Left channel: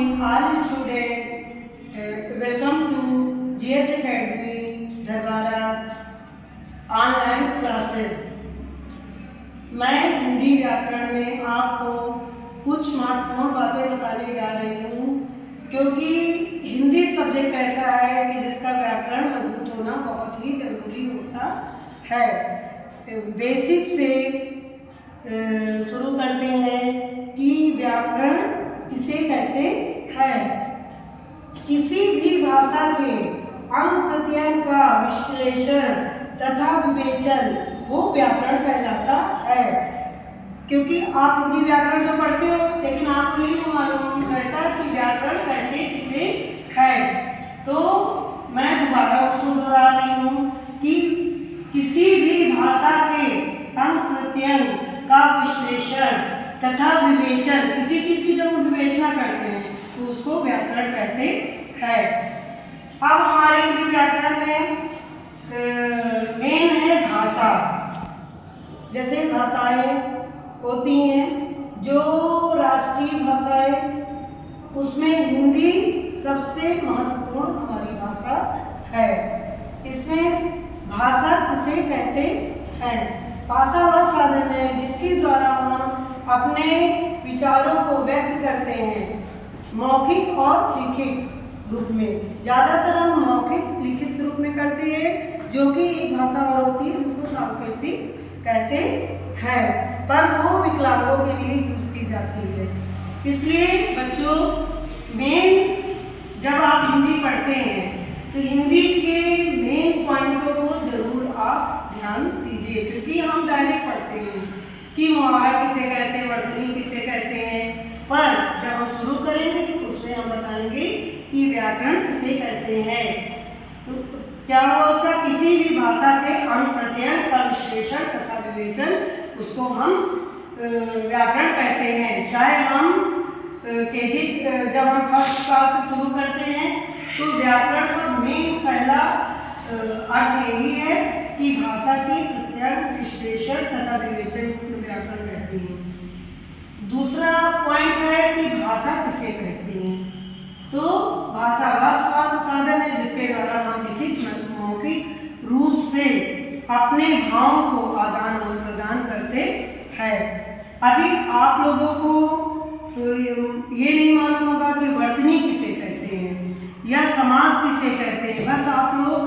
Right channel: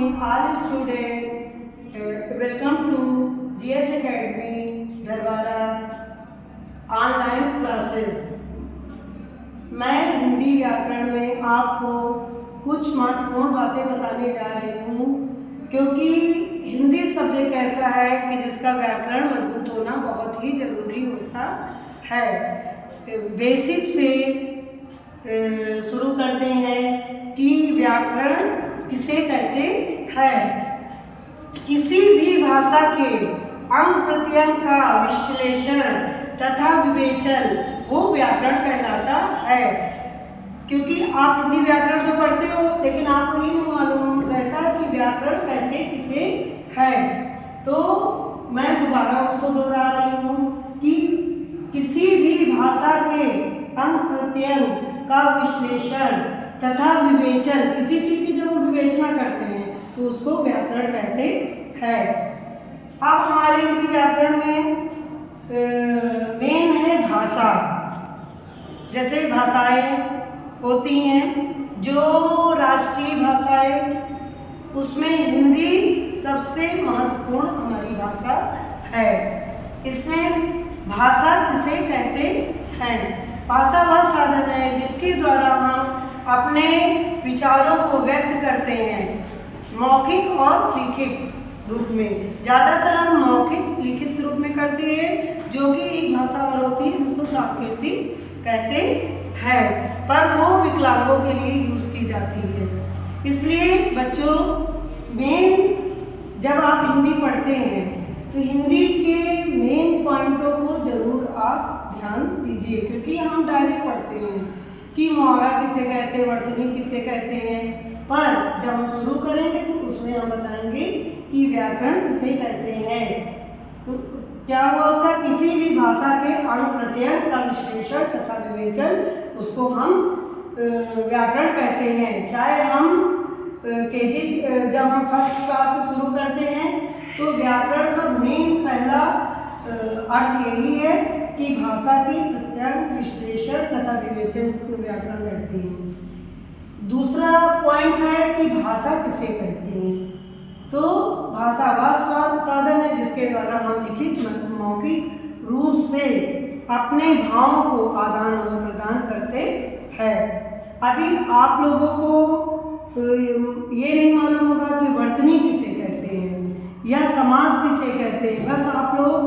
morning, all students. Welcome to GS Academy Dharwara online classes. मैं हिंदी व्याकरण में आपको कुछ महत्वपूर्ण बातें बताने जा रही हूँ, क्योंकि हिंदी सब्जेक्ट ऐसा है कि जिसका व्याकरण मजबूत होना बहुत ही ज़रूरी होता है। बेसिक से शुरू करते हैं कि व्याकरण किसे कहते हैं। किसी भी भाषा के अंग प्रत्यंग का विश्लेषण तथा विवेचन वो व्याकरण कहलाता है। क्योंकि आप हिंदी व्याकरण तो पढ़ते हो, लेकिन आपको ये नहीं मालूम रहता कि व्याकरण कहते किसे है। तो मैं दोबारा उसको दोहरा रही हूँ कि किसी भी भाषा के अंग प्रत्यंग का विश्लेषण तथा विवेचन, किसी चीज की जब हम विवेचना करते हैं तो उसको व्याकरण कहते हैं। अब हमारे हिंदी व्याकरण में मेन है भाषा। जैसे भाषाएं होती हैं, जो राष्ट्रीय भाषाएं, उसमें हिंदी सबसे महत्वपूर्ण हमारी भाषा है। इसमें भाषा किसे कहते हैं? भाषा वह साधन है जिसके द्वारा हम अपने विचारों को व्यक्त करते हैं, मौखिक और लिखित रूप में। ज़्यादातर हम मौखिक लिखित रूप में करते हैं, जो कि एक भाषा और होती है जिसको सांकेतिक कहते हैं, पर वो विकलांगों के लिए यूज की जाती है। इसलिए बच्चों, मेन जब आप हिंदी पढ़ते हैं तो हिंदी के मेन पॉइंटों को जरूर आप ध्यान दीजिए, क्योंकि हम डायरेक्ट पढ़ते हैं कि मुहावरा किसे कहते हैं, वर्तनी किसे कहते हैं, पर जब हम शुरू करेंगे तो उसमें हम बताएंगे कि व्याकरण किसे कहते हैं। तो क्या वो उसका किसी भी भाषा के अंग प्रत्यंग का विश्लेषण तथा विवेचन, उसको हम व्याकरण कहते हैं। चाहे हम केजी जब हम फर्स्ट क्लास से शुरू करते हैं तो व्याकरण का मेन पहला अर्थ यही है कि भाषा के प्रत्यंग विश्लेषण तथा विवेचन को व्याकरण कहते हैं। दूसरा पॉइंट है कि भाषा किसे कहते हैं। तो भाषा वह साधन है जिसके द्वारा हम लिखित मौखिक रूप से अपने भावों को आदान और प्रदान करते हैं। अभी आप लोगों को तो ये नहीं मालूम होगा कि वर्तनी किसे कहते हैं या समास किसे कहते हैं। बस आप लोग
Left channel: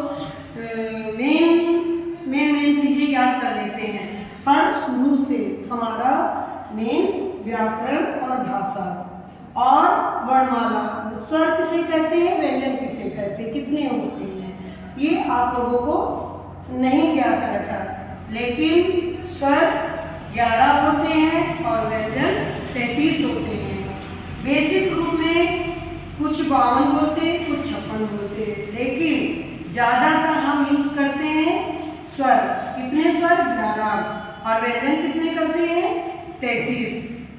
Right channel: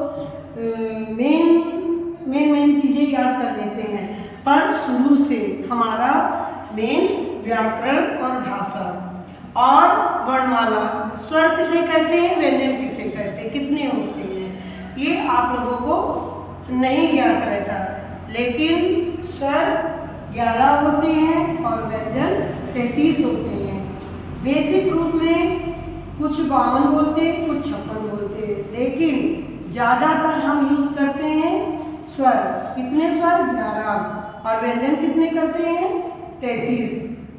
मेन चीज़ें याद कर लेते हैं, पर शुरू से हमारा मेन व्याकरण और भाषा और वर्णमाला, स्वर किसे कहते हैं, व्यंजन किसे कहते हैं, कितने होते हैं, ये आप लोगों को नहीं ज्ञात रहता। लेकिन स्वर 11 होते हैं और व्यंजन 33 होते हैं। बेसिक रूप में कुछ 52 बोलते हैं, कुछ 56 बोलते हैं, लेकिन ज़्यादातर हम यूज़ करते हैं स्वर। कितने स्वर? 11। और व्यंजन कितने करते हैं? 33।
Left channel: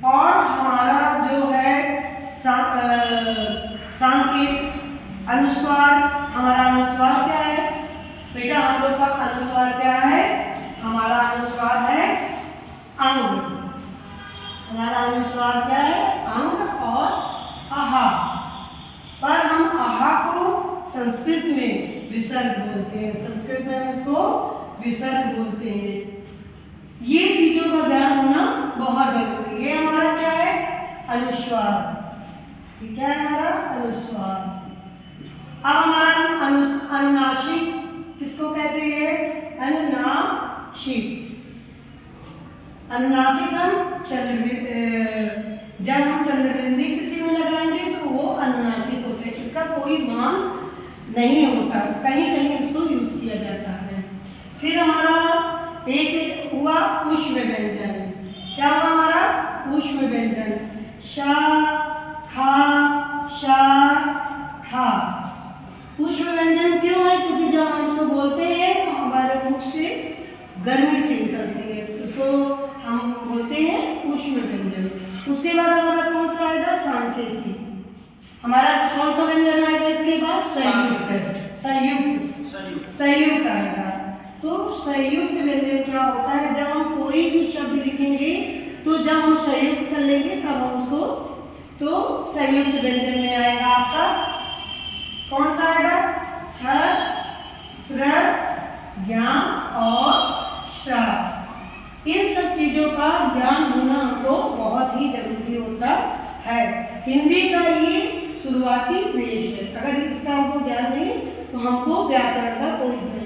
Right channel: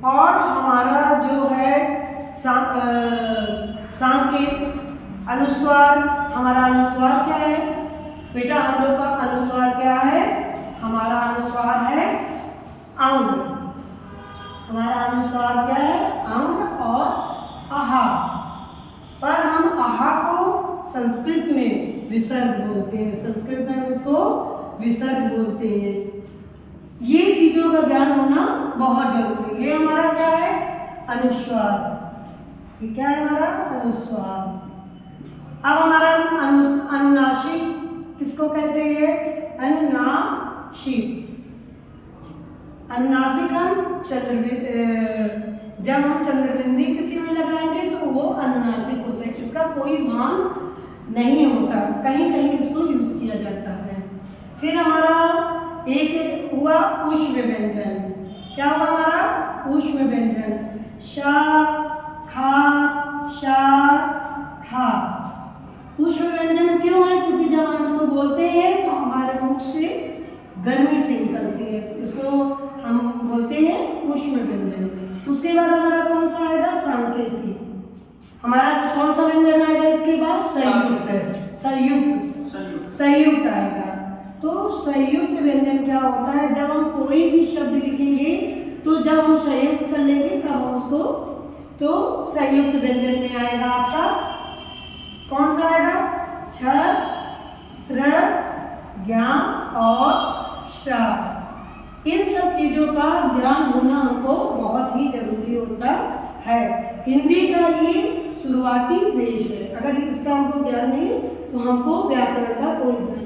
और हमारा जो है सांकेत अनुस्वार, हमारा अनुस्वार क्या है बेटा? हम लोग का अनुस्वार क्या है? हमारा अनुस्वार है अंग। हमारा अनुस्वार क्या है? अंग और आहा। पर हम आहा को संस्कृत में विसर्ग बोलते हैं। संस्कृत में इसको विसर्ग बोलते हैं। ये चीजों का ज्ञान होना बहुत जरूरी है। ये हमारा क्या है? अनुस्वार। ये क्या है? हमारा अनुस्वार। अब हमारा अनुनासिक किसको कहते हैं? अनुनासिक। अनुनासिक हम जब हम चंद्रबिंदी किसी में लगाएंगे तो वो अनुनासिक होते हैं। इसका कोई मान नहीं होता, कहीं कहीं इसको यूज किया जाता है। फिर हमारा एक हुआ ऊष्म व्यंजन। क्या हुआ हमारा? ऊष्म व्यंजन। शा, खा, शा, हा। ऊष्म व्यंजन क्यों है? क्योंकि जब हम इसको बोलते हैं तो हमारे मुख से गर्मी से निकलती है, इसको हम बोलते हैं ऊष्म व्यंजन। उसके बाद हमारा कौन सा आएगा? सांकेतिक। हमारा कौन सा व्यंजन आएगा इसके बाद? संयुक्त। संयुक्त आएगा। तो संयुक्त व्यंजन क्या होता है? जब हम कोई भी शब्द लिखेंगे तो जब हम संयुक्त कर लेंगे तब हम उसको तो संयुक्त व्यंजन में आएगा आपका कौन सा आएगा? छ, त्र, ज्ञ और श। इन सब चीज़ों का ज्ञान होना हमको बहुत ही जरूरी होता है। हिंदी का ये शुरुआती पेश है। अगर इसका हमको ज्ञान नहीं तो हमको व्याकरण का कोई ज्ञान